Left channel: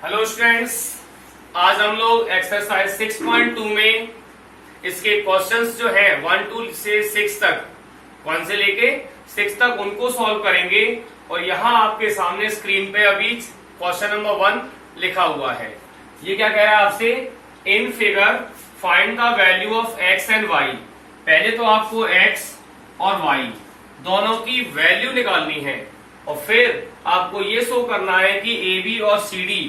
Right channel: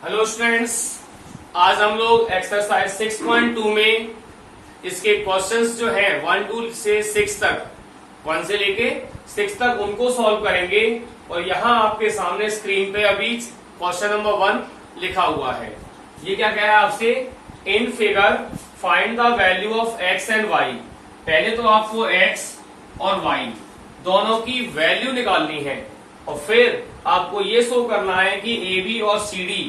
Hello students, आज हम लोग एक्सरसाइज 6.2 में इसके क्वेश्चंस जो है 1 से 6 तक, 1 से लेके 6 तक उनको सॉल्व करेंगे। और यहाँ आपके सामने स्क्रीन पे अभी क्वेश्चन नंबर 1 लिखा हुआ है। ये क्या कह रहा है आपसे? In figure find the value of X and Y. पहले तो आपको एक्स और वाई दोनों की वैल्यू निकालनी है और फिर आपको ये शो करना है कि ए बी और सी डी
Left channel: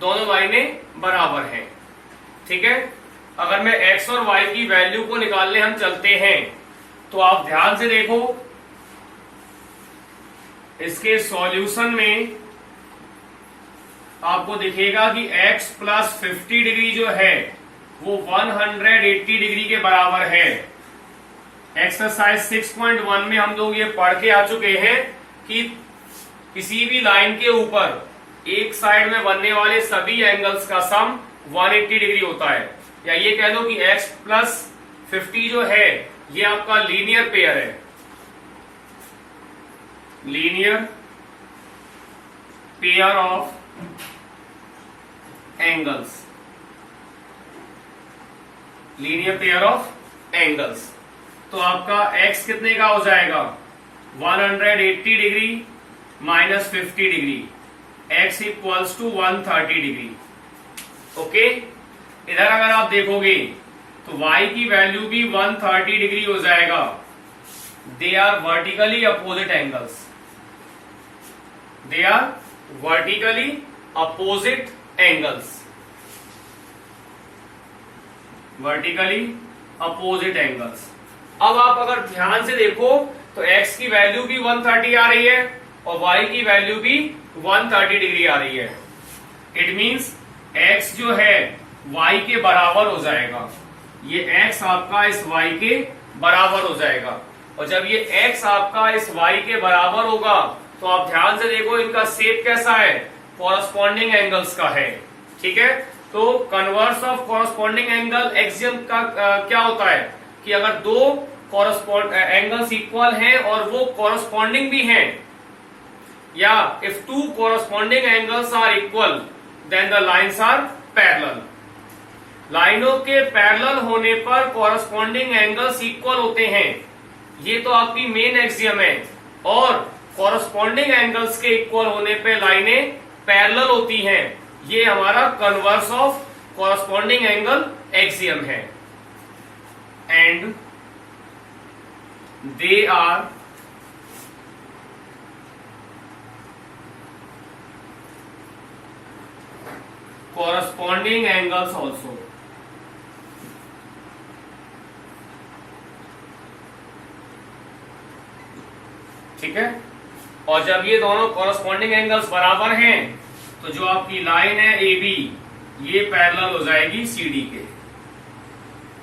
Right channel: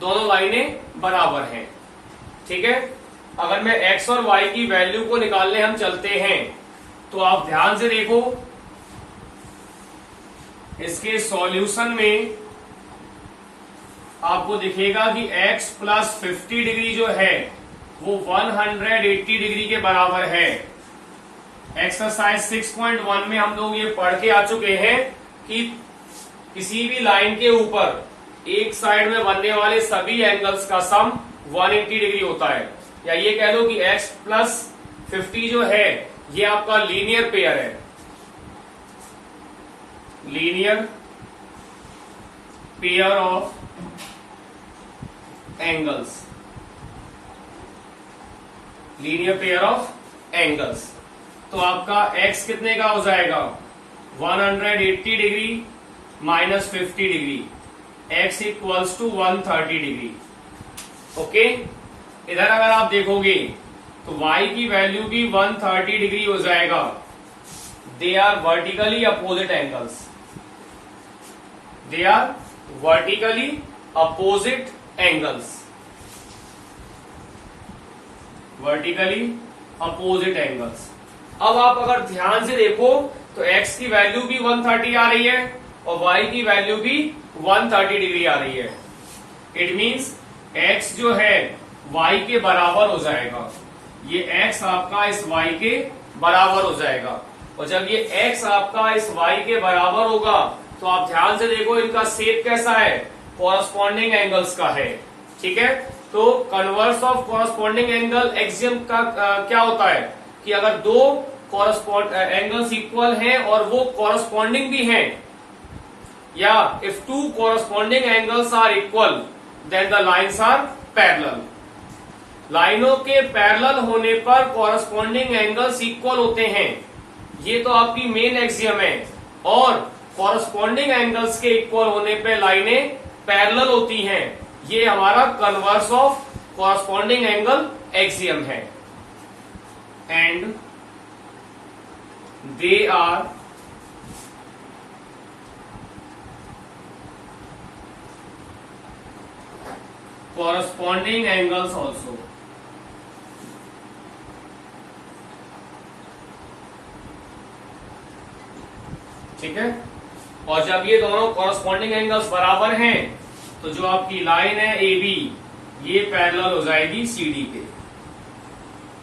दोनों लाइनें बराबर हैं। ठीक है, अगर मैं एक्स और वाई की वैल्यू को निकालने हम चलते हैं तो आप ध्यान से देखो, इसके सॉल्यूशन में आपको दिखेगा कि x प्लस 50 डिग्री जो है वो 180 डिग्री के बराबर है। एक्सरसाइज 6.1 में हम लोग ये पढ़ के आ चुके हैं कि किसी भी लाइन के ऊपर एक साइड में बनने वाले सभी एंगल्स का सम 180 डिग्री होता है। या ये कह लो कि x प्लस 50 जो है ये आपका लीनियर पेयर है, linear pair of angles, linear pair of angles. तो आपका x कितने का हो जाएगा? 180 degree minus 50 degree, x equals to 130 degree. Okay, इधर अगर आप देखोगे तो y की वैल्यू भी 130 डिग्री हो जाएगा। They are vertically opposite angles, they are vertically opposite angles, vertically opposite angles. अब आप अगर ध्यान से देखो तो x की वैल्यू भी 130 आ रही है और y की वैल्यू भी 130 डिग्री आ रही है। इट मीन्स x जो है y के बराबर हो जाएगा। ये x आपका इस y के बराबर हो जाएगा और जब ये x आपका इस y के बराबर होगा तो आप ध्यान से देखो इनका शेप कैसा है, कॉरस्पॉन्डिंग एंगल्स का है। ठीक है, तो converse of corresponding angle axiom का क्या होता है कि अगर दो कॉरस्पॉन्ड एंगल्स इक्वल हैं और वो कॉरस्पॉन्डिंग भी हैं, या if two corresponding angles are equal then the lines are parallel. लाइनों के पैरेलल होने पर कॉरस्पॉन्डिंग एंगल्स इक्वल होते हैं, ये तो आपकी मेन एक्सियम है। और कॉरस्पॉन्डिंग एंगल्स के इक्वल होने पे लाइनें पैरेलल होती हैं, ये हमारा converse of corresponding angle axiom है। And they are corresponding angles also। ठीक है, और जब ये दोनों corresponding angles बराबर हैं तो जो आपकी लाइन है ए बी ये पैरेलल हो जाएगी सी डी के।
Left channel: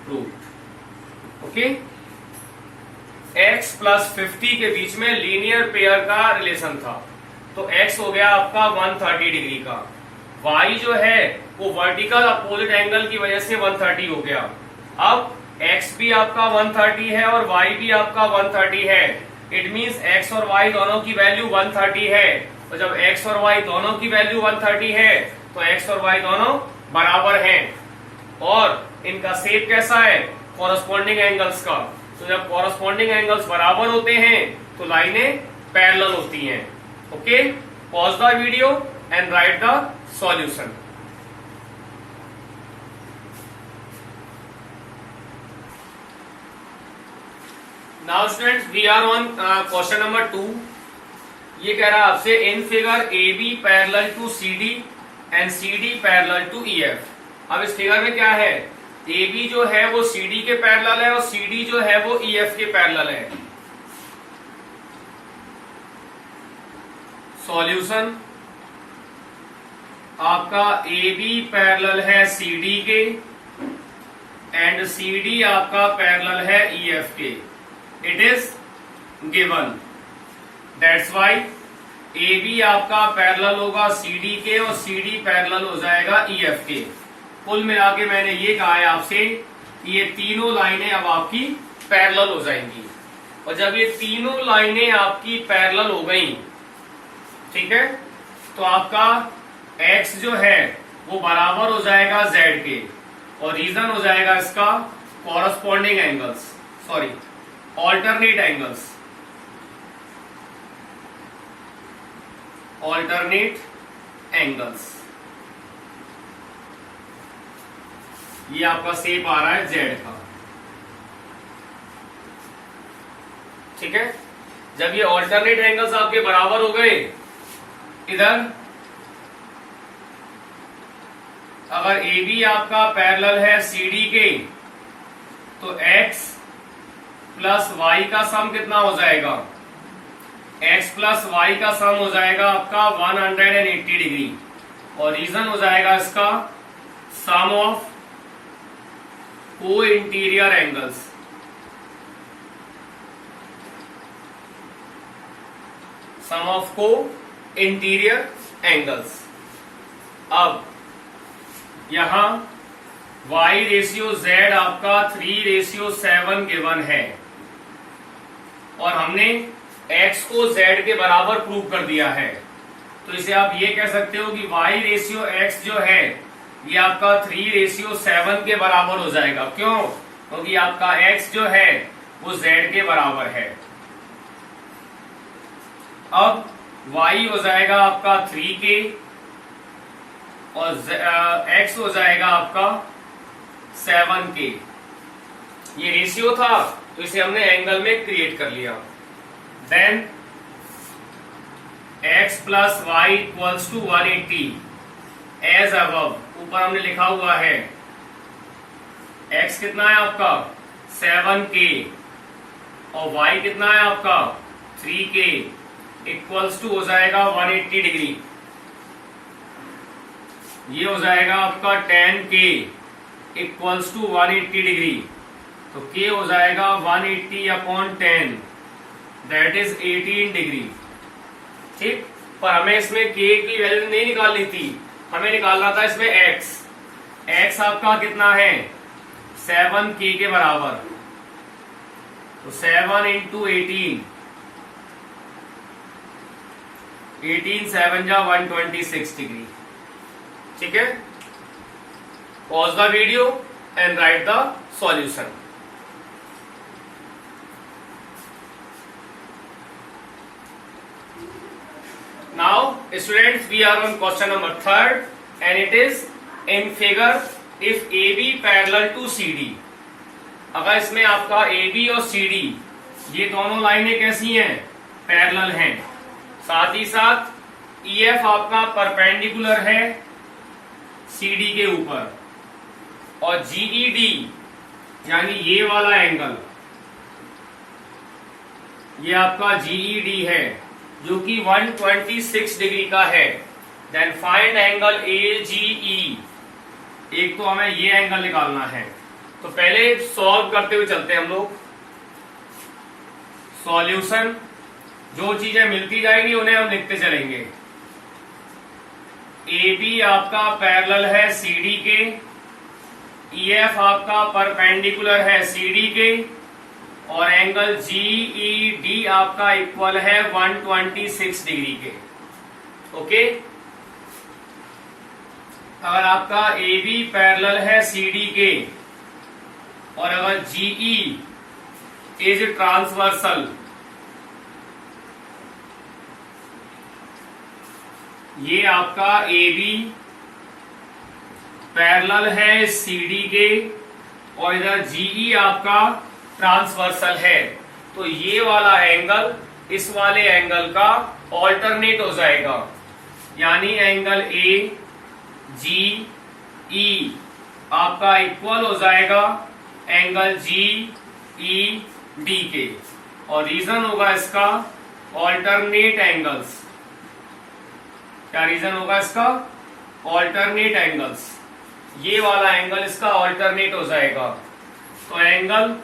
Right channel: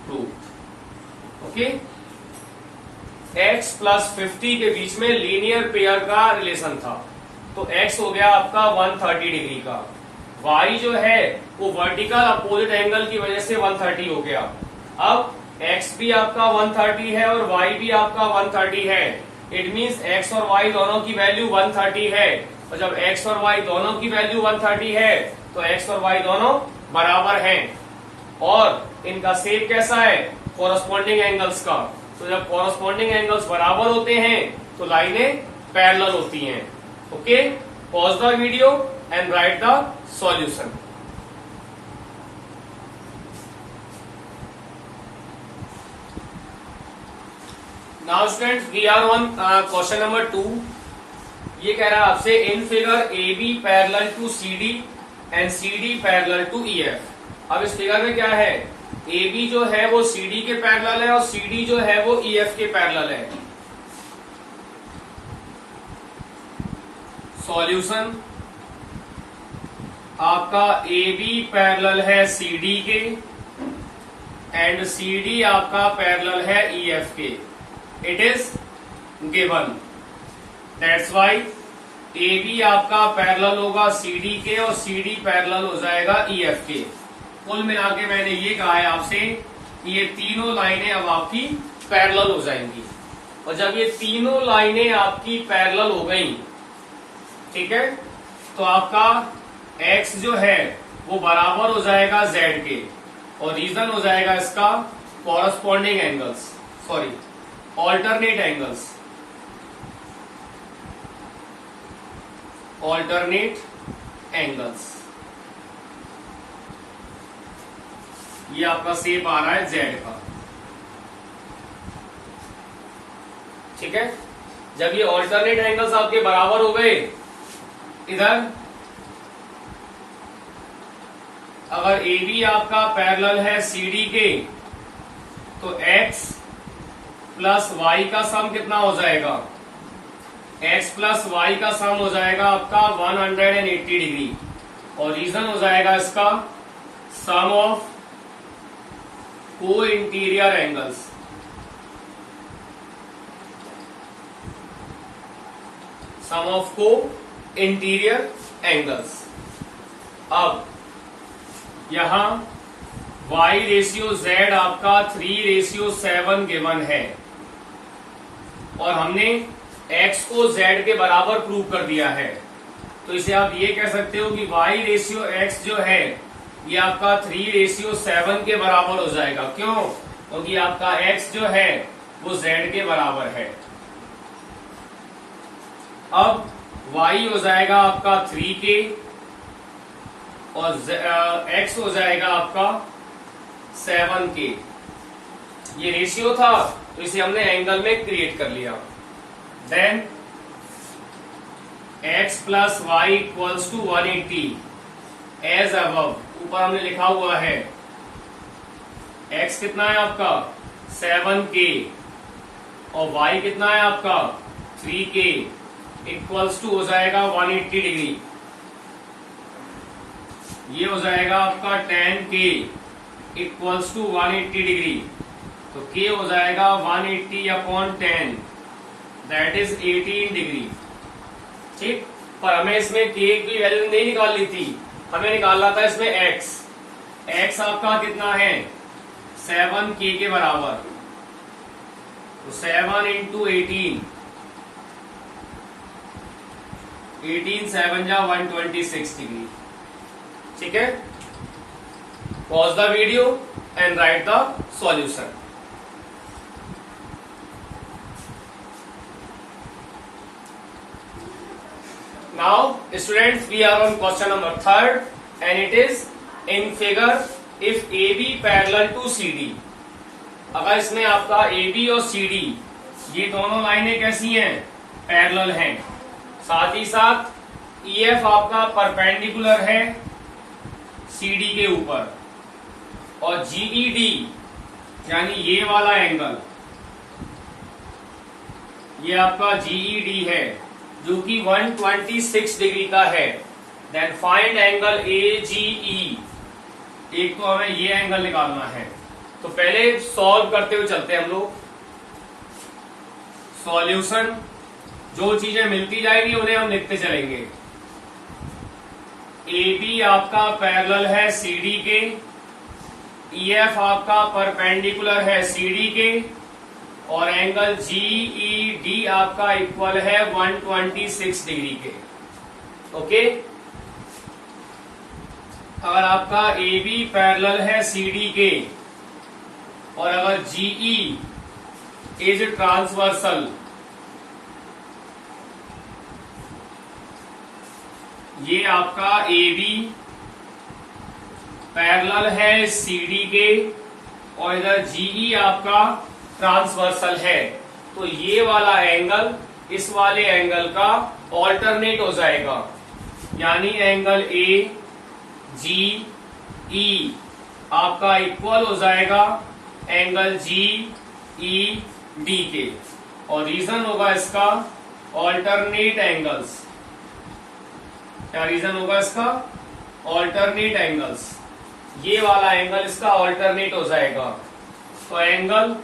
प्रूव्ड। ओके, x प्लस 50 के बीच में लीनियर पेयर का रिलेशन था तो x हो गया आपका 130 डिग्री का, y जो है वो वर्टिकल अपोजिट एंगल की वजह से 130 हो गया। अब x भी आपका 130 है और y भी आपका 130 है। इट मींस x और y दोनों की वैल्यू 130 है और जब x और y दोनों की वैल्यू 130 है तो x और y दोनों बराबर हैं। और इनका शेप कैसा है? कॉरस्पॉन्डिंग एंगल्स का। तो जब कॉरस्पॉन्डिंग एंगल्स बराबर होते हैं तो लाइनें पैरेलल होती हैं। Okay, pause the video and write the solution। Now students, we are on question number 2। ये कह रहा है आपसे in figure A B parallel to C D and C D parallel to E F. अब इस figure में क्या है, ए बी जो है वो सी डी के पैरेलल है और सी डी जो है वो ई एफ के पैरेलल है। सॉल्यूशन आपका ए बी पैरेलल है सी डी के एंड सी डी आपका पैरेलल है ई एफ के। It is given, that's why A B आपका पैरेलल होगा सी डी के और सी डी पैरेलल हो जाएगा ई एफ के। कुल मिला के मैंने ये कहा है आपसे कि ये तीनों लाइनें अब आपकी पैरेलल हो जाएंगी और जब ये तीनों लाइनें आपकी पैरेलल हो गई, ठीक है, तो आपका x जो है वो बराबर हो जाएगा z के, और रीजन हो जाएगा इसका corresponding angles, sorry alternate angles, alternate angles. ये आपका शेप आ रहा है z का, ठीक है। जब ये ऑल्टरनेट एंगल्स आपके बराबर हो गए, इधर अगर AB आपका पैरेलल है CD के, तो x प्लस y का सम कितना हो जाएगा, x प्लस y का सम हो जाएगा आपका 180 डिग्री, और रीजन हो जाएगा इसका सम of co interior angles, sum of co interior angles. अब यहां y रेशियो z आपका 3:7 गिवन है, और हमने x को z के बराबर प्रूव कर दिया है, तो इसे आप ये कह सकते हो कि y रेशियो x जो है ये आपका 3:7 के बराबर हो जाएगा। क्यों? क्योंकि आपका x जो है वो z के बराबर है। अब y हो जाएगा आपका 3k और x हो जाएगा आपका 7k। ये रेशियो था तो इसे हमने एंगल में क्रिएट कर लिया। Then x plus Y equals to 180 as above, ऊपर हमने लिखा हुआ है x कितना है आपका 7k और y कितना है आपका 3k इक्वल्स टू हो जाएगा 180 डिग्री। ये हो जाएगा आपका 10k इक्वल्स टू 180 डिग्री, तो k हो जाएगा 180/10 दैट इज 18 डिग्री। ठीक, पर हमें इसमें k की वैल्यू नहीं निकालनी थी, हमें निकालना था इसमें x आपका कितना है 7k के बराबर, तो 7 इंटू 18 7 जा 126 डिग्री। ठीक है, pause the video and right the solution. Now students, we are on question number 3rd and it is in figure if AB parallel to CD। अगर इसमें आपका AB और CD ये दोनों लाइनें कैसी हैं, पैरेलल हैं, साथ ही साथ EF आपका परपेंडिकुलर है CD के ऊपर, और GED यानी ये वाला एंगल ये आपका GED है जो कि 126 डिग्री का है। Then find angle AGE। एक तो हमें ये एंगल निकालना है, तो पहले सॉल्व करते हुए चलते हैं हम लोग। सॉल्यूशन, जो चीजें मिलती जाएगी उन्हें हम लिखते चलेंगे। AB आपका पैरेलल है CD के, EF आपका परपेंडिकुलर है CD के, और एंगल GED आपका इक्वल है 126 डिग्री के। ओके, अगर आपका AB पैरेलल है CD के और अगर GE इज ट्रांसवर्सल, ये आपका AB पैरेलल है CD के और इधर GE आपका ट्रांसवर्सल है, तो ये वाला एंगल इस वाले एंगल का ऑल्टरनेट हो जाएगा, यानी एंगल AGE आपका इक्वल हो जाएगा एंगल GED के, और रीजन होगा इसका ऑल्टरनेट एंगल्स। क्या रीजन होगा इसका? Alternate angles. ये वाला एंगल इसका ऑल्टरनेट हो जाएगा, तो एंगल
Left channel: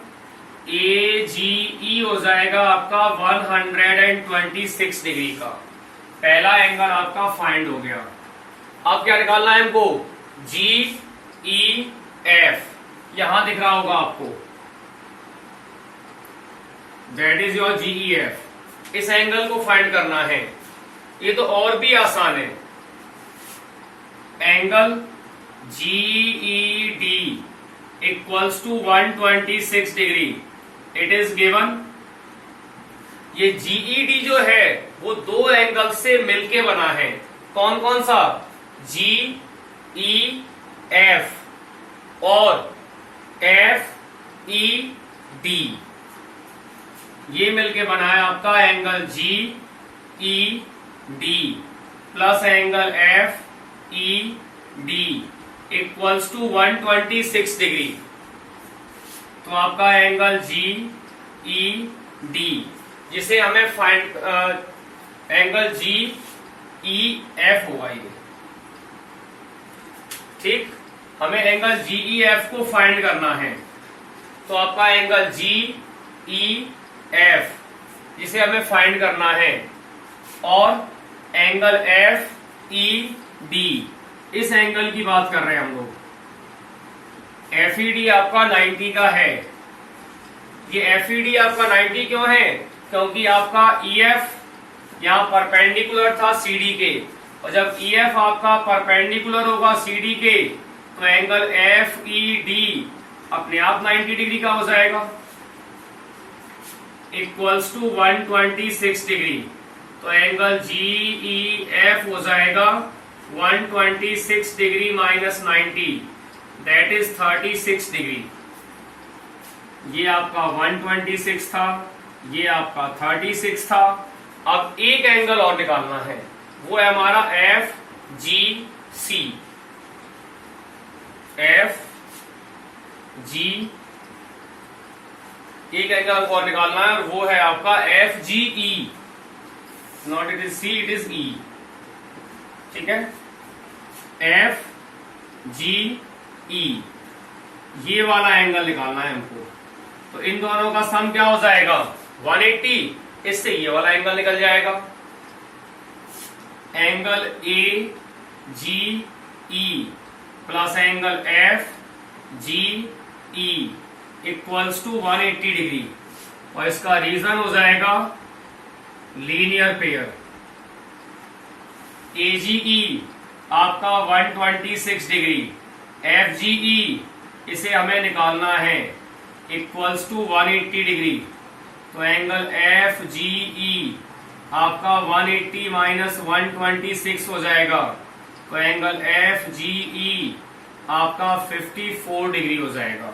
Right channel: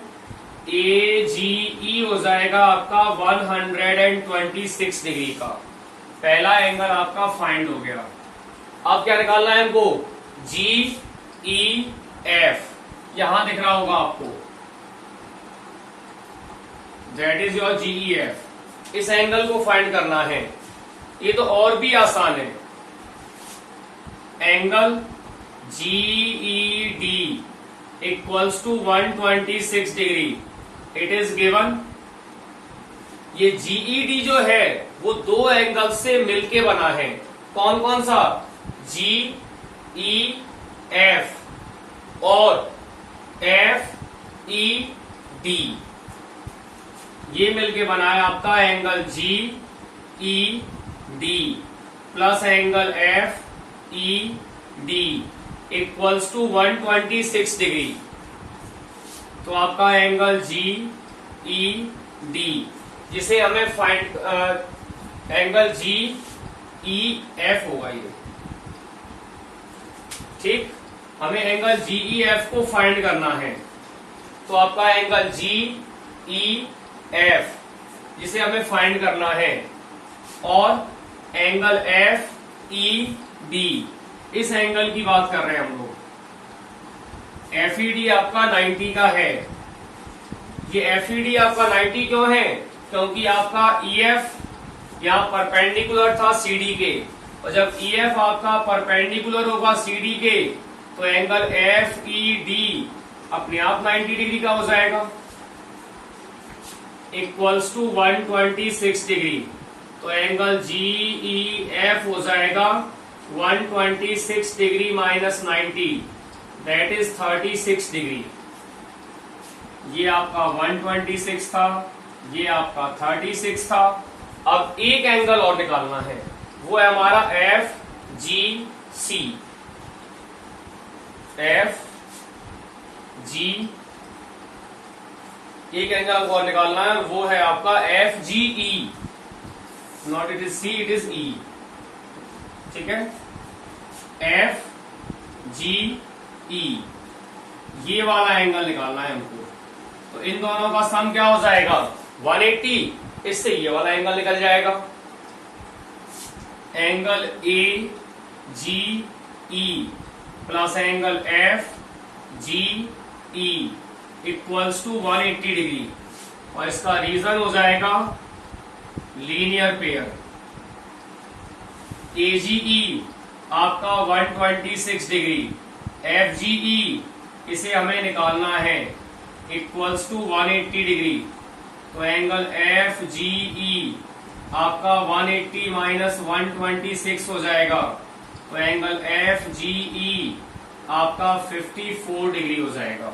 AGE हो जाएगा आपका 126 डिग्री का। पहला एंगल आपका फाइंड हो गया। अब क्या निकालना है हमको? GEF, यहां दिख रहा होगा आपको, दैट इज योर GEF। इस एंगल को फाइंड करना है। ये तो और भी आसान है, angle GED equals to 126 degree. It is given. ये GED जो है वो दो एंगल से मिलके बना है। कौन कौन सा? GEF और FED, ये मिलके बना है आपका angle GED plus angle FED equals to 126 degree. तो आपका एंगल GED जिसे हमें फाइंड एंगल GEF होगा ये, ठीक। हमें एंगल GEF को फाइंड करना है। तो आपका एंगल GEF जिसे हमें फाइंड करना है और एंगल FED, इस एंगल की बात कर रहे हैं हम लोग। FED आपका 90 का है। ये FED आपका 90 क्यों है? क्योंकि आपका EF यहां परपेंडिकुलर था CD के, और जब EF आपका परपेंडिकुलर होगा CD के तो एंगल FED अपने आप 90 डिग्री का हो जाएगा, इक्वल्स टू 126 डिग्री। तो एंगल GEF हो जाएगा 126 degree minus 90, that is 36 degree. ये आपका 126 था, ये आपका 36 था। अब एक एंगल और निकालना है, वो है हमारा FGC। एक एंगल और निकालना है, वो है आपका FGE। Not it is C, it is E, ठीक है। FGE, ये वाला एंगल निकालना है हमको। तो इन दोनों का सम क्या हो जाएगा? 180। इससे ये वाला एंगल निकल जाएगा। Angle AGE plus angle FGE equals to 180 degree, और इसका रीजन हो जाएगा लीनियर पेयर। AGE आपका 126 डिग्री, FGE इसे हमें निकालना है इक्वल्स टू 180 डिग्री। तो एंगल FGE आपका 180 माइनस 126 हो जाएगा। तो एंगल FGE आपका 54 डिग्री हो जाएगा।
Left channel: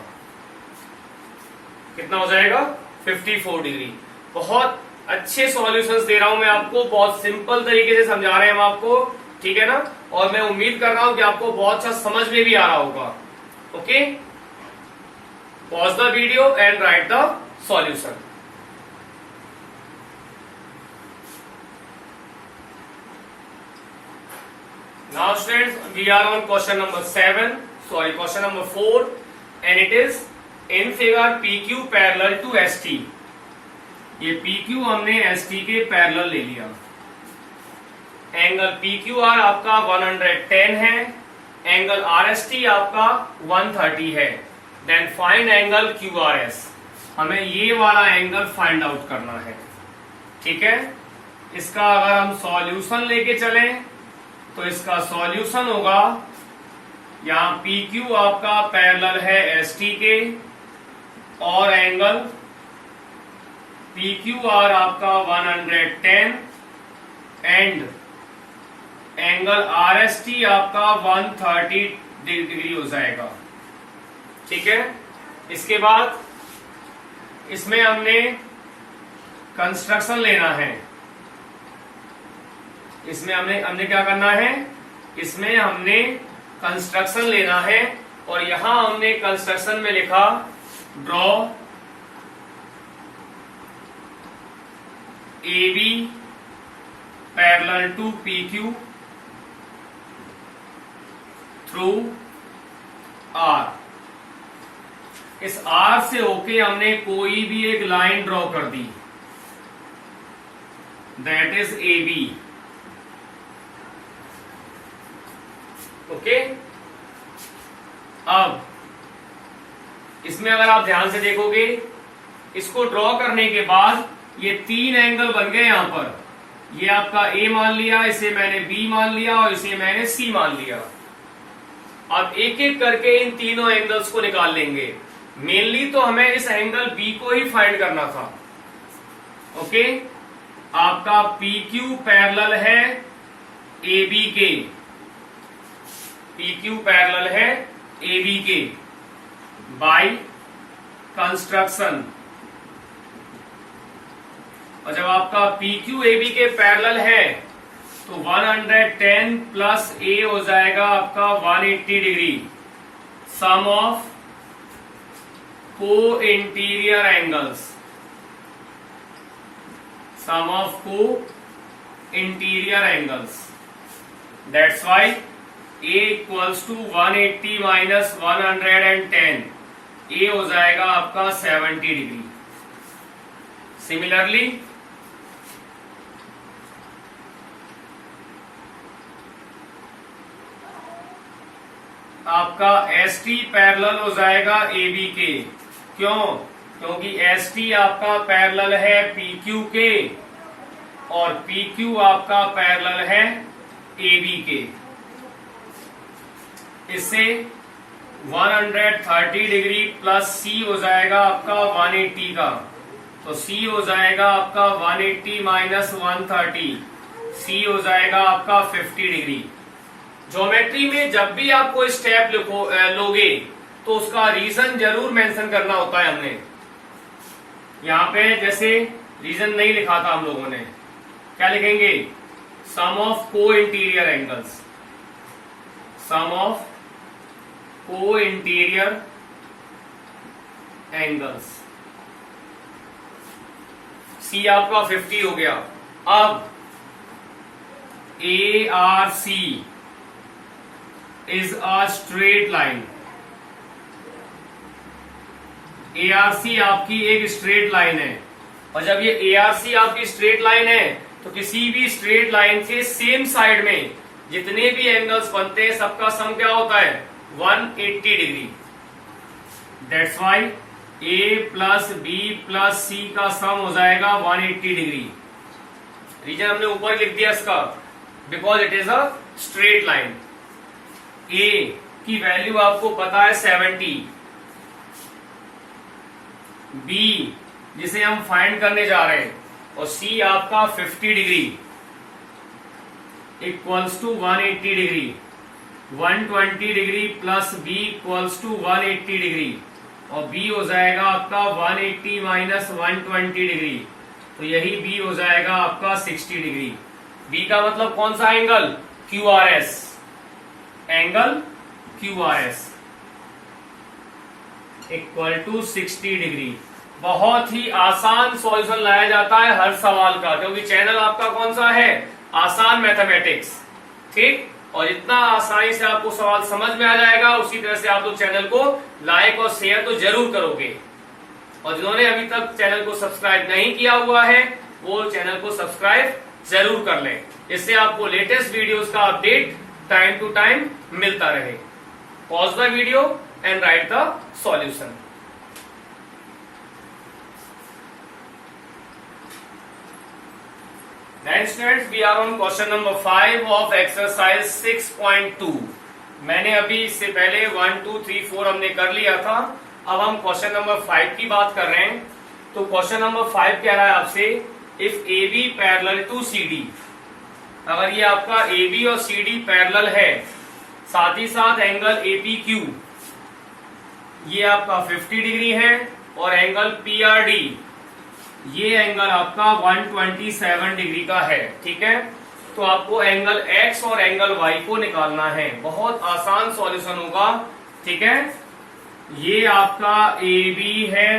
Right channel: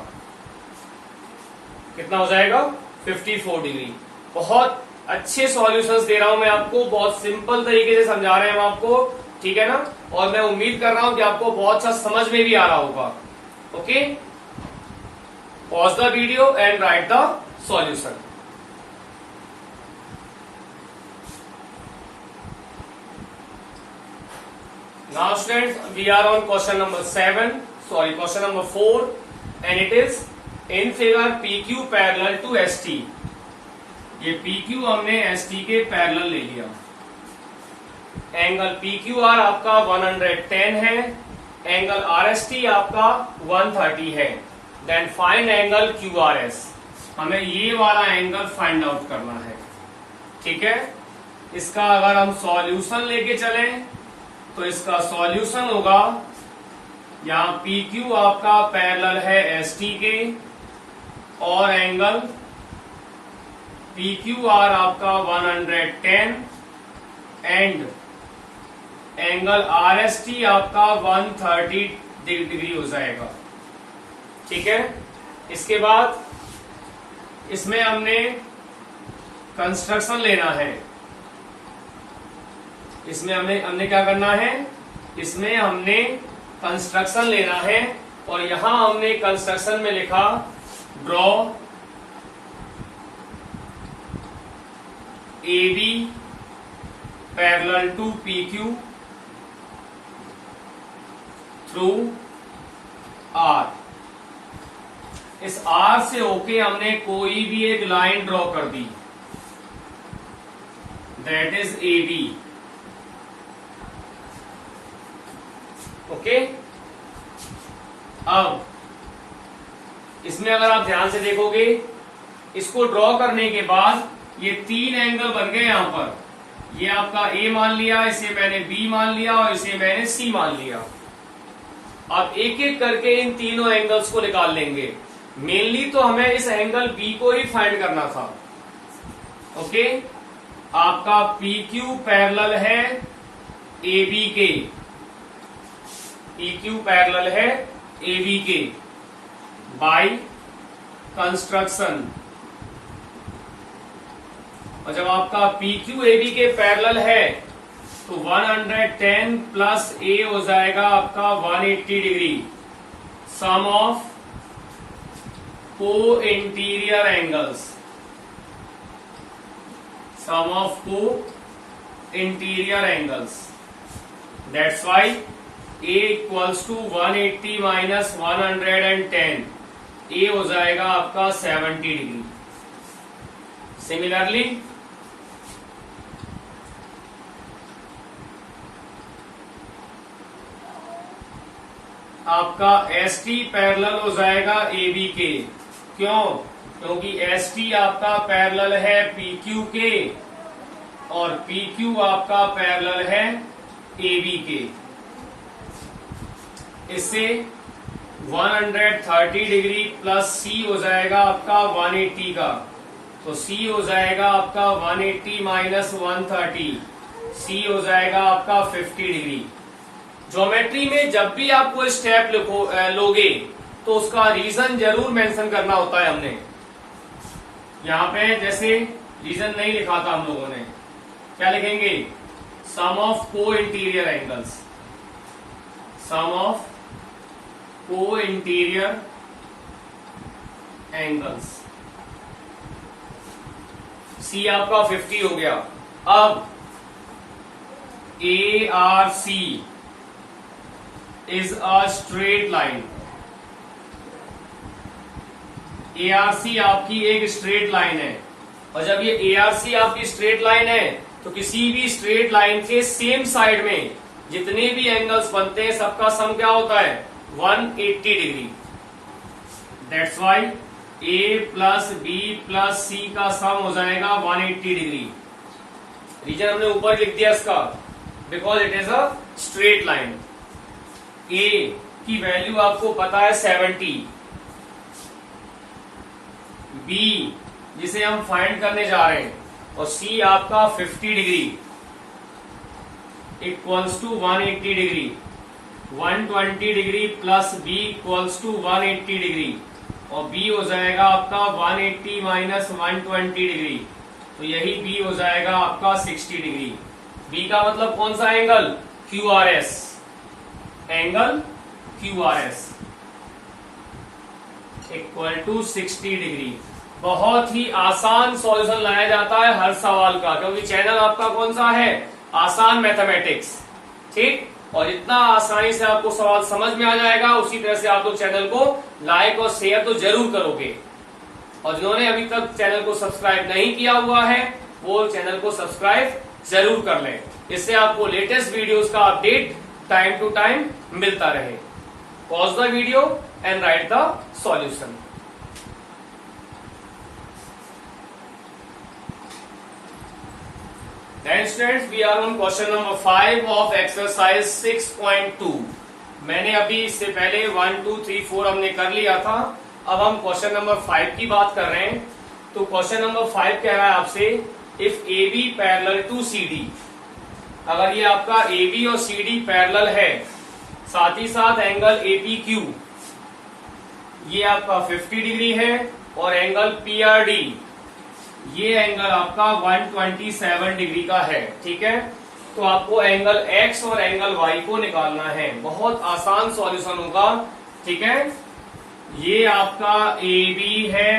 कितना हो जाएगा? 54 डिग्री। बहुत अच्छे सॉल्यूशंस दे रहा हूं मैं आपको, बहुत सिंपल तरीके से समझा रहे हैं हम आपको, ठीक है ना। और मैं उम्मीद कर रहा हूं कि आपको बहुत अच्छा समझ में भी आ रहा होगा। Okay, pause the video and right the solution. Now students, we are on question number 4, and it is in figure PQ parallel to ST। ये PQ हमने ST के पैरेलल ले लिया। एंगल PQR आपका 110 है, एंगल RST आपका 130 है। Then find angle QRS। हमें ये वाला एंगल फाइंड आउट करना है, ठीक है। इसका अगर हम सॉल्यूशन लेके चलें तो इसका सॉल्यूशन होगा, यहां PQ आपका पैरेलल है ST के, और एंगल PQR आपका 110 एंड एंगल RST आपका 130 डिग्री हो जाएगा, ठीक है। इसके बाद इसमें हमने कंस्ट्रक्शन लेना है। इसमें हमने क्या करना है? इसमें हमने कंस्ट्रक्शन लेना है, और यहां हमने कंस्ट्रक्शन में लिखा draw AB parallel to PQ through R। इस R से होके हमने कोई भी एक लाइन ड्रॉ कर दी, दैट इज AB। ओके, अब इसमें अगर आप ध्यान से देखोगे, इसको ड्रॉ करने के बाद ये 3 एंगल बन गए यहां पर। ये आपका A मान लिया, इसे मैंने B मान लिया, और इसे मैंने C मान लिया। अब एक एक करके इन तीनों एंगल्स को निकाल लेंगे। मेनली तो हमें इस एंगल बी को ही फाइंड करना था। ओके, आपका पी क्यू पैरेलल है ए बी के, पी क्यू पैरेलल है ए बी के बाय कंस्ट्रक्शन। और जब आपका पी क्यू ए बी के पैरेलल है तो 110 प्लस ए हो जाएगा आपका 180 degree, sum of co interior angles, sum of co interior angles. That's why A equals to 180 minus 110, A हो जाएगा आपका 70 डिग्री। सिमिलरली आपका एस टी पैरेलल हो जाएगा ए बी के। क्यों? क्योंकि एस टी आपका पैरेलल है पी क्यू के और पी क्यू आपका पैरेलल है ए बी के। इससे 130 डिग्री प्लस सी हो जाएगा आपका 180 का, तो सी हो जाएगा आपका 180 माइनस 130, सी हो जाएगा आपका 50 डिग्री। ज्योमेट्री में जब भी आप कोई स्टेप लोगे तो उसका रीजन जरूर मेंशन करना होता है। हमने यहां पे जैसे रीजन नहीं लिखा था हम लोगों ने, क्या लिखेंगे? Sum of co interior angles, sum of co interior angles. C आपका 50 हो गया। अब A R C is a straight line, A R C आपकी एक स्ट्रेट लाइन है। और जब ये ए आर सी आपकी स्ट्रेट लाइन है तो किसी भी स्ट्रेट लाइन के सेम साइड में जितने भी एंगल्स बनते हैं सबका सम क्या होता है? 180 डिग्री। That's why A plus B plus C का सम हो जाएगा 180 डिग्री। रीजन हमने ऊपर लिख दिया इसका, because it is a straight line. A की वैल्यू आपको पता है 70, बी जिसे हम फाइंड करने जा रहे हैं, और सी आपका 50 degree equals to 180 degree. 120 degree plus B equals to 180 degree, और बी हो जाएगा आपका 180 माइनस 120 डिग्री, तो यही बी हो जाएगा आपका 60 डिग्री। बी का मतलब कौन सा angle? Q R S, angle Q R S equal to 60 degree. बहुत ही आसान सॉल्यूशन लाया जाता है हर सवाल का, क्योंकि चैनल आपका कौन सा है? आसान मैथमेटिक्स। ठीक, और इतना आसानी से आपको सवाल समझ में आ जाएगा, उसी तरह से आप लोग चैनल को लाइक और शेयर तो जरूर करोगे। और जिन्होंने अभी तक चैनल को सब्सक्राइब नहीं किया हुआ है वो चैनल को सब्सक्राइब जरूर कर लें, इससे आपको लेटेस्ट वीडियोस का अपडेट टाइम टू टाइम मिलता रहे। Pause the video and right the solution. Then students, we are on question number 5 of exercise 6.2। मैंने अभी इससे पहले 1, 2, 3, 4 हमने कर लिया था। अब हम क्वेश्चन नंबर 5 की बात कर रहे हैं। तो क्वेश्चन नंबर 5 कह रहा है आपसे, if A B parallel to C D. अगर ये आपका ए बी और सी डी पैरेलल है, साथ ही साथ एंगल ए पी क्यू ये आपका 50 डिग्री है, और एंगल पी आर डी ये एंगल आपका 127 डिग्री का है। ठीक है, तो आपको एंगल एक्स और एंगल वाई को निकालना है। बहुत आसान सॉल्यूशन होगा। ठीक है, ये आपका ए बी है,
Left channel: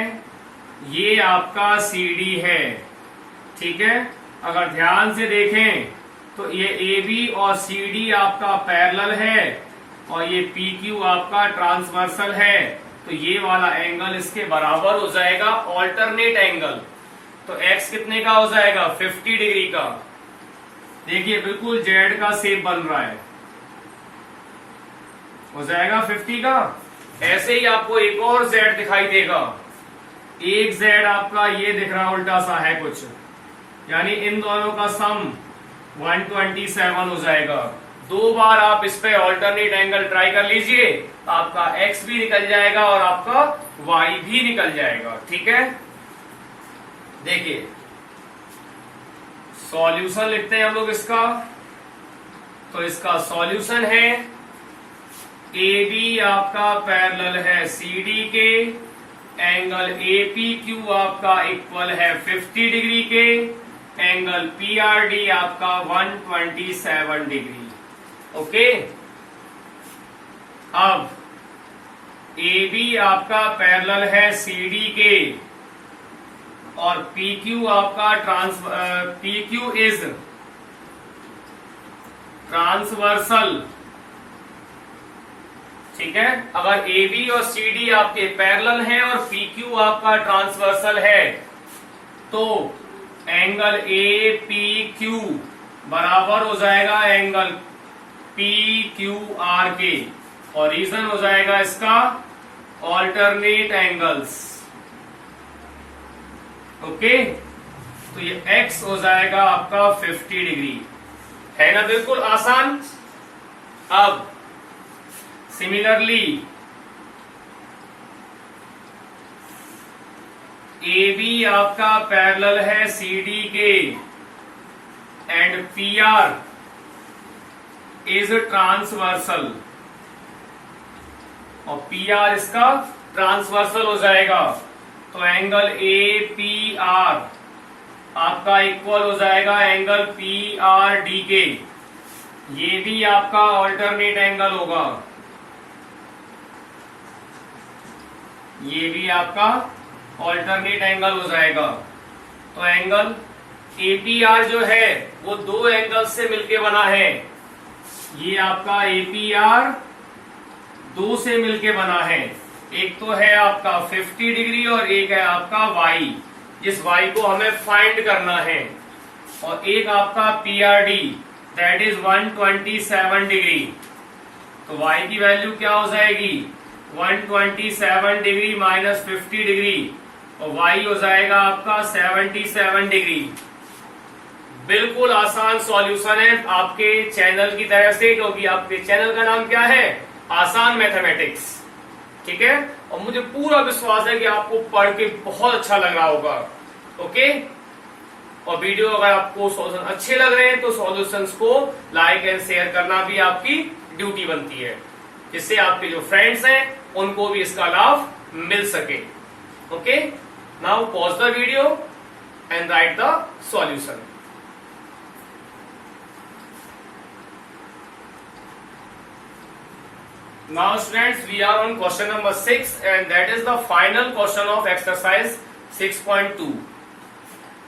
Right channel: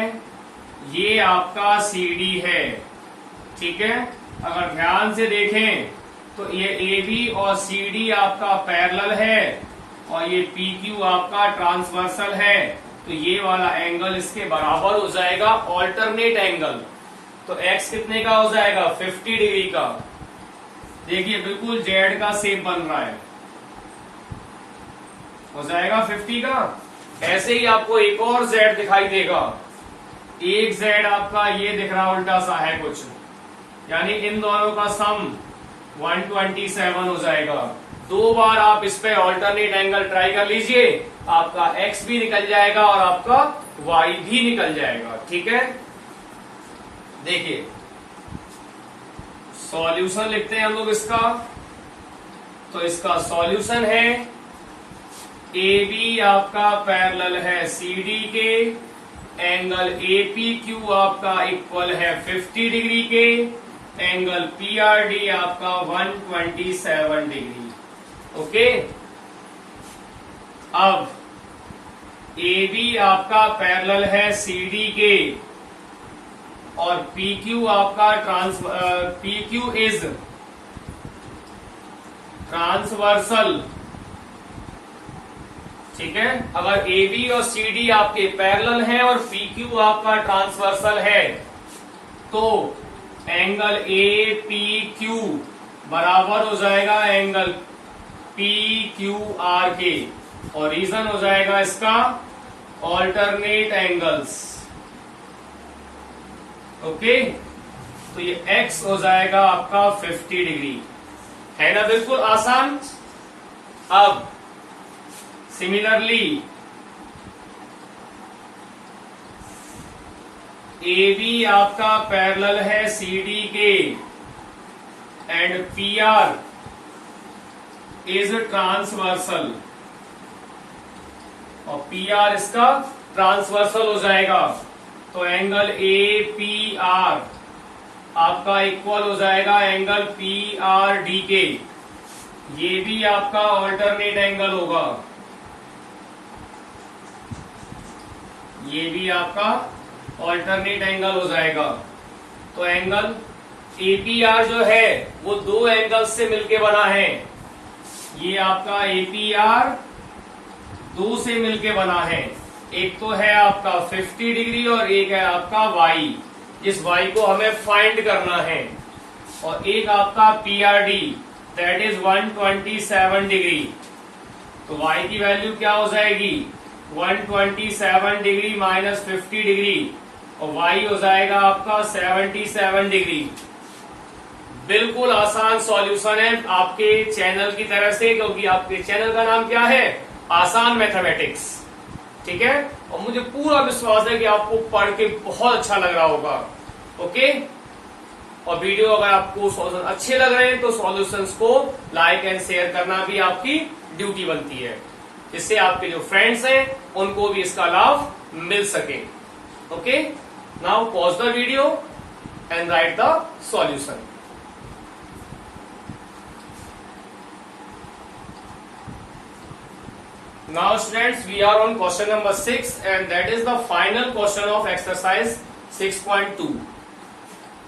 ये आपका सी डी है। ठीक है, अगर ध्यान से देखें तो ये ए बी और सी डी आपका पैरेलल है, और ये पी क्यू आपका ट्रांसवर्सल है, तो ये वाला एंगल इसके बराबर हो जाएगा ऑल्टरनेट एंगल। तो x कितने का हो जाएगा? 50 डिग्री का। देखिए बिल्कुल जेड का शेप बन रहा है, हो जाएगा 50 का। ऐसे ही आपको एक और जेड दिखाई देगा, एक जेड आपका ये दिख रहा उल्टा सा है कुछ, यानी इन दोनों का सम 127 हो जाएगा। 2 बार आप इस पे ऑल्टरनेट एंगल ट्राई कर लीजिए, आपका x भी निकल जाएगा और आपका y भी निकल जाएगा। ठीक है, देखिए सॉल्यूशन लिखते हैं हम लोग इसका। तो इसका सॉल्यूशन है AB आपका पैरेलल है CD के, एंगल APQ आपका इक्वल है 50 डिग्री के, एंगल PRD आपका 127 डिग्री। ओके, अब AB आपका पैरेलल है CD के और PQ आपका PQ इज ट्रांसवर्सल। ठीक है, अगर AB और CD आपके पैरेलल हैं और PQ आपका ट्रांसवर्सल है तो एंगल APQ बराबर हो जाएगा एंगल PQR के, और रीजन हो जाएगा इसका ऑल्टरनेट एंगल्स। ओके, तो ये x हो जाएगा आपका 50 डिग्री, है ना, बिल्कुल आसान। अब सिमिलरली AB आपका पैरेलल है CD के एंड PR इज ट्रांसवर्सल, और PR इसका ट्रांसवर्सल हो जाएगा, तो एंगल APR आपका इक्वल हो जाएगा एंगल PRD के। ये भी आपका ऑल्टरनेट एंगल होगा, ये भी आपका ऑल्टरनेट एंगल हो जाएगा। तो एंगल APR जो है वो 2 एंगल से मिलके बना है। ये आपका APR 2 से मिलके बना है, एक तो है आपका 50 डिग्री और एक है आपका y, इस y को हमें फाइंड करना है, और एक आपका PRD दैट इज 127 डिग्री। तो y की वैल्यू क्या हो जाएगी, 127 डिग्री माइनस 50 डिग्री, और y हो जाएगा आपका 77 डिग्री। बिल्कुल आसान सॉल्यूशन है आपके चैनल की तरह से, क्योंकि आपके चैनल का नाम क्या है, आसान मैथमेटिक्स। ठीक है, और मुझे पूरा विश्वास है कि आपको पढ़ के बहुत अच्छा लग रहा होगा। ओके, और वीडियो अगर आपको सॉल्यूशन अच्छे लग रहे हैं तो सॉल्यूशंस को लाइक एंड शेयर करना भी आपकी ड्यूटी बनती है, जिससे आपके जो फ्रेंड्स हैं उनको भी इसका लाभ मिल सके। Okay, now pause the video and right the solution. Now students, we are on question number 6 and that is the final question of exercise 6.2.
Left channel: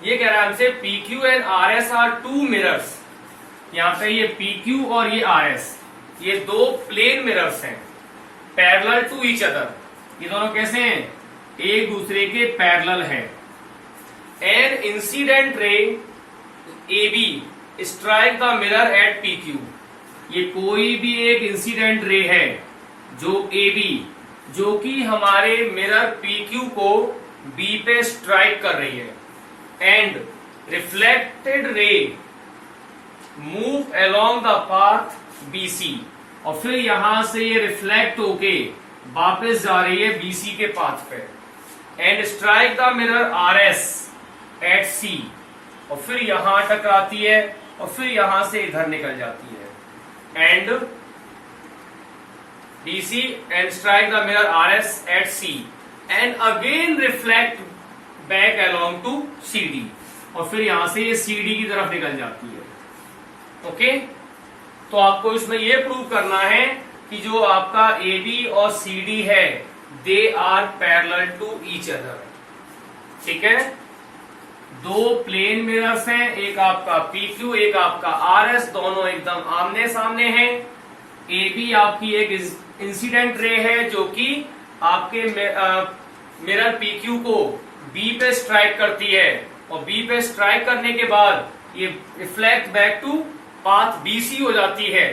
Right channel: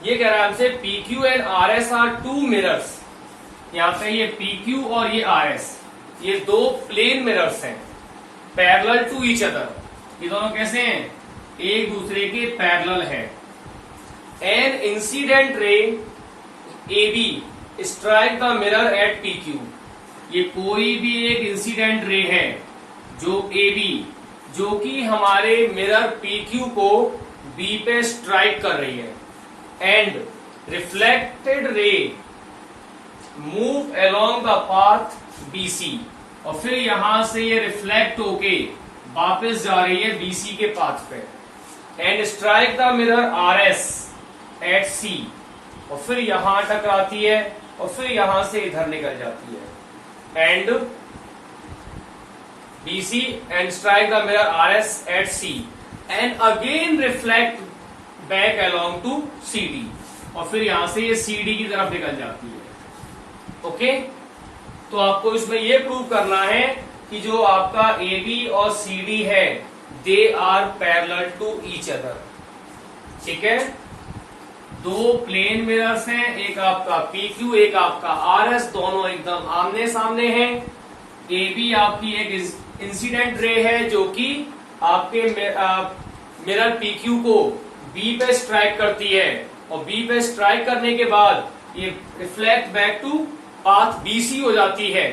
ये कह रहा है हमसे PQ and RS are two mirrors। यहाँ पे ये PQ और ये RS, ये 2 प्लेन मिरर्स हैं, पैरेलल टू ईच अदर। ये दोनों कैसे हैं, एक दूसरे के पैरेलल हैं। An incident ray AB strike the mirror at PQ। ये कोई भी एक इंसिडेंट रे है जो AB, जो कि हमारे मिरर PQ को B पे स्ट्राइक कर रही है, and reflected ray move along the path BC, और फिर यहां से ये रिफ्लेक्ट होके वापस जा रही है BC के पाथ पे, and strike the mirror RS at C, और फिर यहां टकराती है और फिर यहां से इधर निकल जाती है, and BC and strike the mirror RS at C and again reflect back along to CD, और फिर यहां से ये CD की तरफ निकल जाती है। ओके, तो आपको इसमें ये प्रूव करना है कि जो आपका AB और CD है they are parallel to each other. ठीक है, 2 प्लेन मिरर्स हैं, एक आपका PQ एक आपका RS, दोनों एकदम आमने सामने हैं। AB आपकी एक इंसिडेंट रे है जो कि आपके मिरर PQ को B पे स्ट्राइक करती है, और B पे स्ट्राइक करने के बाद ये reflect back to path BC हो जाती है,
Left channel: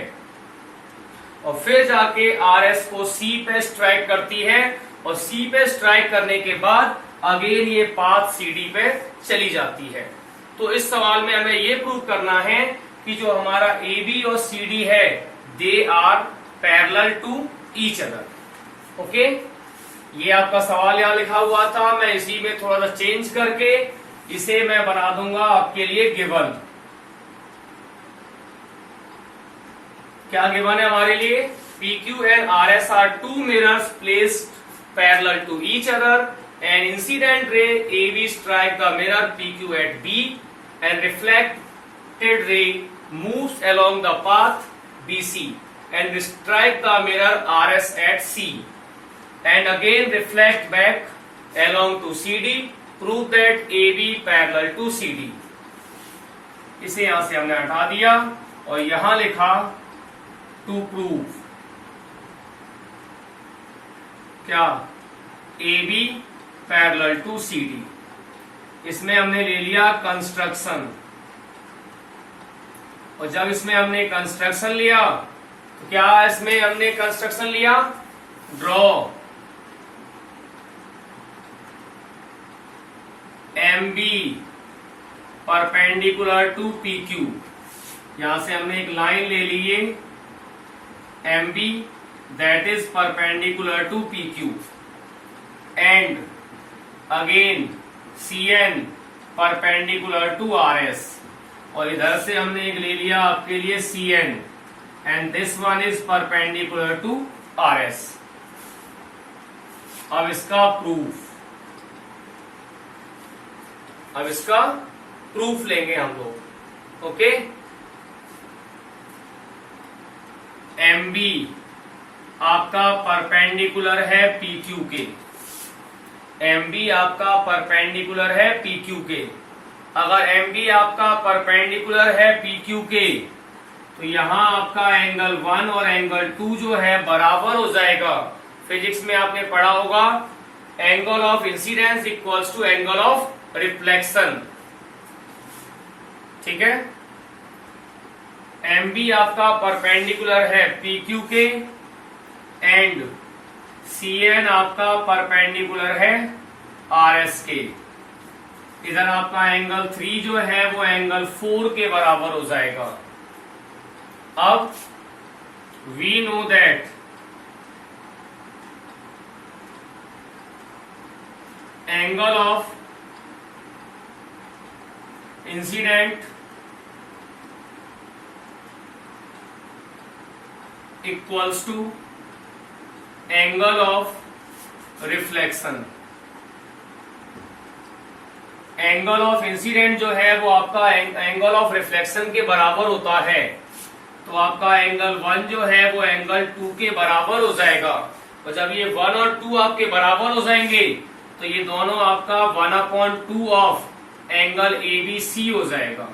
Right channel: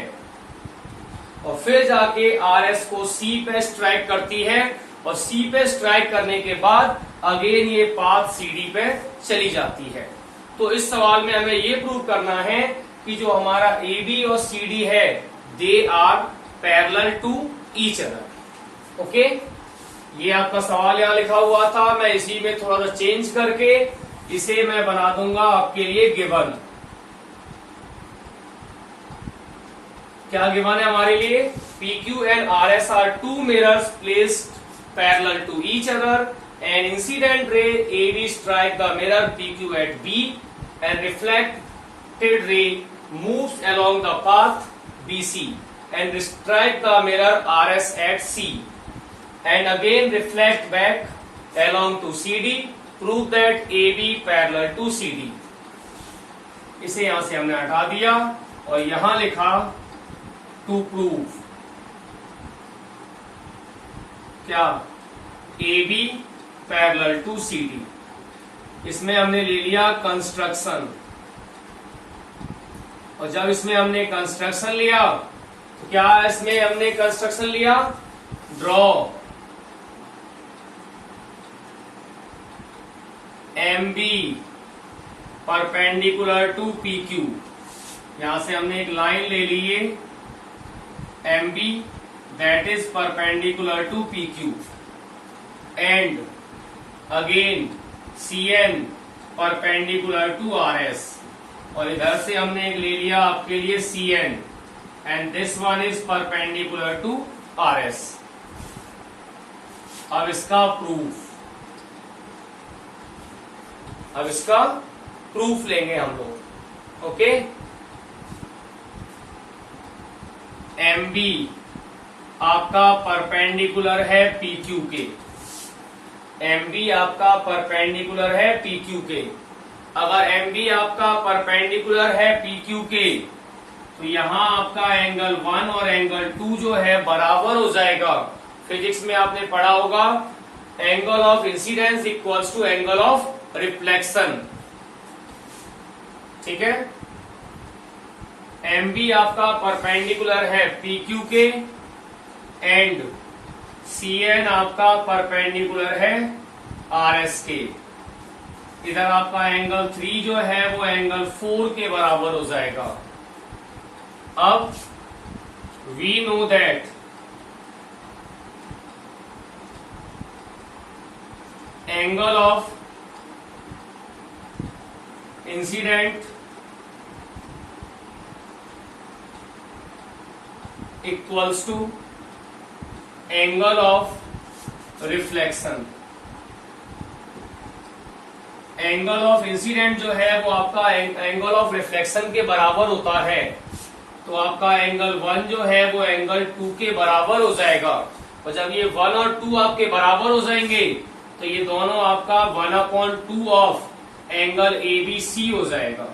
और फिर जाके RS को C पे स्ट्राइक करती है, और C पे स्ट्राइक करने के बाद अगेन ये पाथ CD पे चली जाती है। तो इस सवाल में हमें ये प्रूव करना है कि जो हमारा ए बी और सी डी है they are parallel to each other. Okay, ये आपका सवाल यहां लिखा हुआ था, मैं इसी में थोड़ा सा चेंज करके इसे मैं बना दूंगा आपके लिए गिवन। क्या गिवन है हमारे लिए? PQ and RS are two mirrors placed parallel to each other. An incident ray AB strike the mirror PQ at B and reflected ray moves along the path BC and strike the mirror RS at C and again reflect back along to CD. Prove that AB parallel to CD. इसे यहां से हमने हटा दिया और यहां लिखा to prove क्या? AB parallel to CD। इसमें हमने ले लिया कंस्ट्रक्शन, और जब इसमें हमने कंस्ट्रक्शन लिया तो क्या इसमें हमने कंस्ट्रक्शन लिया? Draw MB perpendicular to PQ। यहां से हमने एक लाइन ले ली है MB that is perpendicular to PQ and again CN perpendicular to RS, और इधर से हमने एक ले लिया आपके लिए CN and this one is perpendicular to RS। अब इसका प्रूफ लेंगे हम लोग। ओके, MB आपका परपेंडिकुलर है PQ के, MB आपका परपेंडिकुलर है PQ के। अगर MB आपका परपेंडिकुलर है PQ के तो यहां आपका एंगल 1 और एंगल 2 जो है बराबर हो जाएगा। फिजिक्स में आपने पढ़ा होगा angle of incidence equals to angle of reflection. ठीक है, MB आपका परपेंडिकुलर है PQ के एंड CN आपका परपेंडिकुलर है RS के। इधर आपका एंगल 3 जो है वो एंगल 4 के बराबर हो जाएगा। अब we know that angle of incident equals to angle of reflection. Angle of incident जो है वो आपका एंगल ऑफ रिफ्लेक्शन के बराबर होता है, तो आपका एंगल 1 जो है वो एंगल 2 के बराबर हो जाएगा। तो जब ये 1 और 2 आपके बराबर हो जाएंगे तो ये दोनों आपका 1/2 ऑफ एंगल ABC हो जाएगा।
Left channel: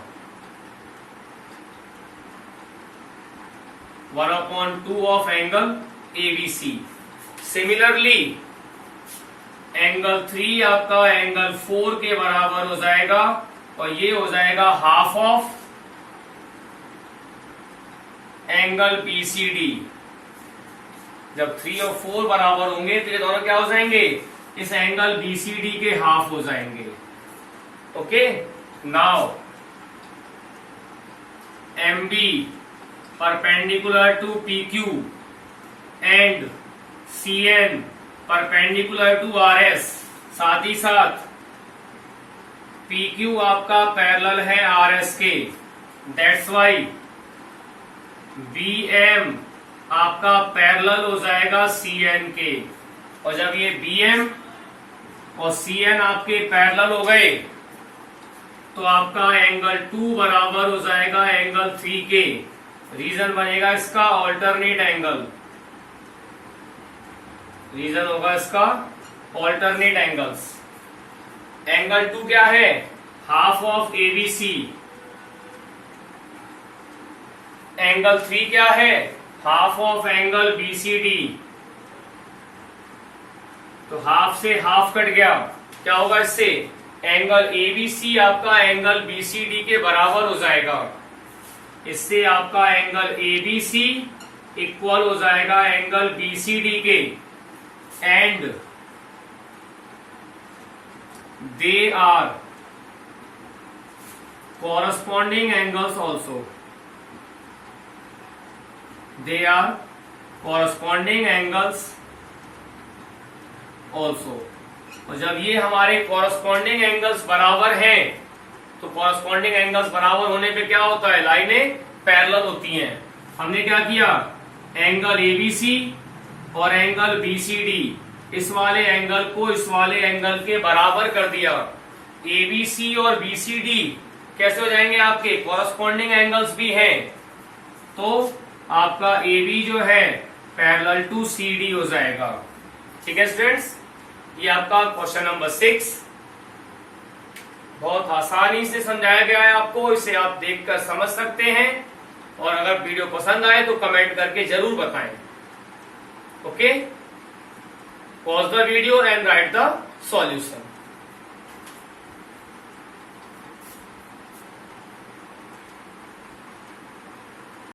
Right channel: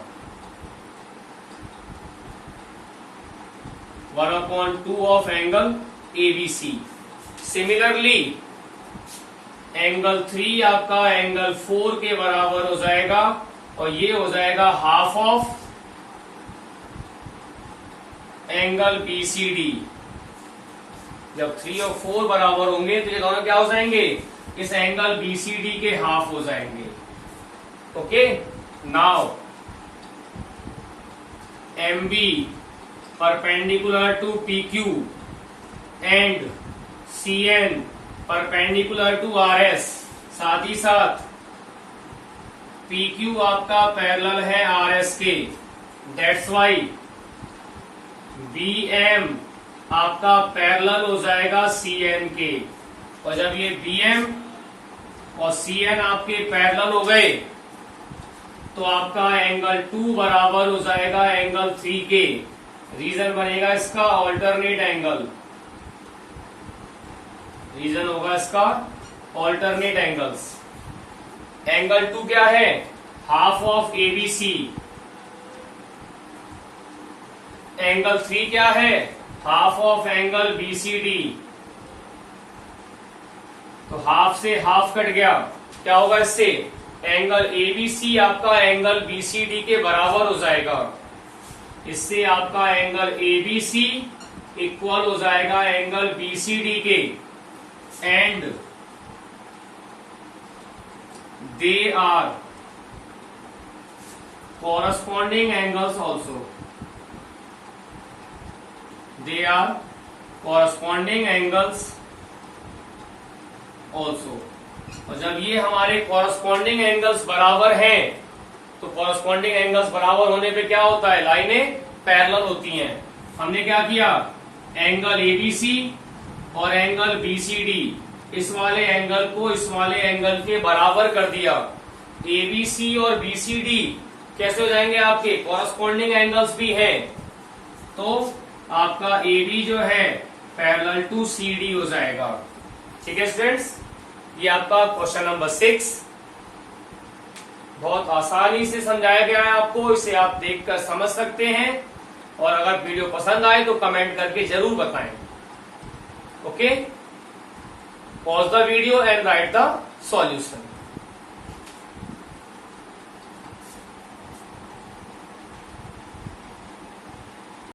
1/2 of angle ABC। Similarly angle 3 आपका एंगल 4 के बराबर हो जाएगा और ये हो जाएगा हाफ ऑफ एंगल BCD। जब 3 और 4 बराबर होंगे तो ये दोनों क्या हो जाएंगे? इस एंगल BCD के हाफ हो जाएंगे। Okay, now MB perpendicular to PQ and CN perpendicular to RS, साथ ही साथ PQ आपका पैरेलल है RS के, दैट्स वाई BM आपका पैरेलल हो जाएगा CN के। और जब ये BM और CN आपके पैरेलल हो गए तो आपका एंगल 2 बराबर हो जाएगा एंगल 3 के। रीजन बनेगा इसका ऑल्टरनेट एंगल, रीजन होगा इसका ऑल्टरनेट एंगल्स। एंगल 2 क्या है? Half of ABC। एंगल 3 क्या है? Half of angle BCD। तो हाफ से हाफ कट गया, क्या होगा इससे? एंगल ABC आपका एंगल BCD के बराबर हो जाएगा। इससे आपका एंगल ABC इक्वल हो जाएगा एंगल BCD के and they are corresponding angles also. They are corresponding angles also. और जब ये हमारे कॉरस्पॉन्डिंग एंगल्स बराबर हैं, तो कॉरस्पॉन्डिंग एंगल्स बराबर होने पे क्या होता है, लाइनें पैरेलल होती हैं। हमने क्या किया, एंगल एबीसी और एंगल बीसीडी, इस वाले एंगल को इस वाले एंगल के बराबर कर दिया। एबीसी और बीसीडी कैसे हो जाएंगे, आपके कॉरस्पॉन्डिंग एंगल्स भी हैं, तो आपका AB जो है पैरेलल टू CD हो जाएगा। ठीक है स्टूडेंट्स, ये आपका क्वेश्चन नंबर 6 बहुत आसानी से समझाया गया है आपको, इसे आप देखकर समझ सकते हैं। और अगर वीडियो पसंद आए तो कमेंट करके जरूर बताएं। Okay, pause the video and right the solution.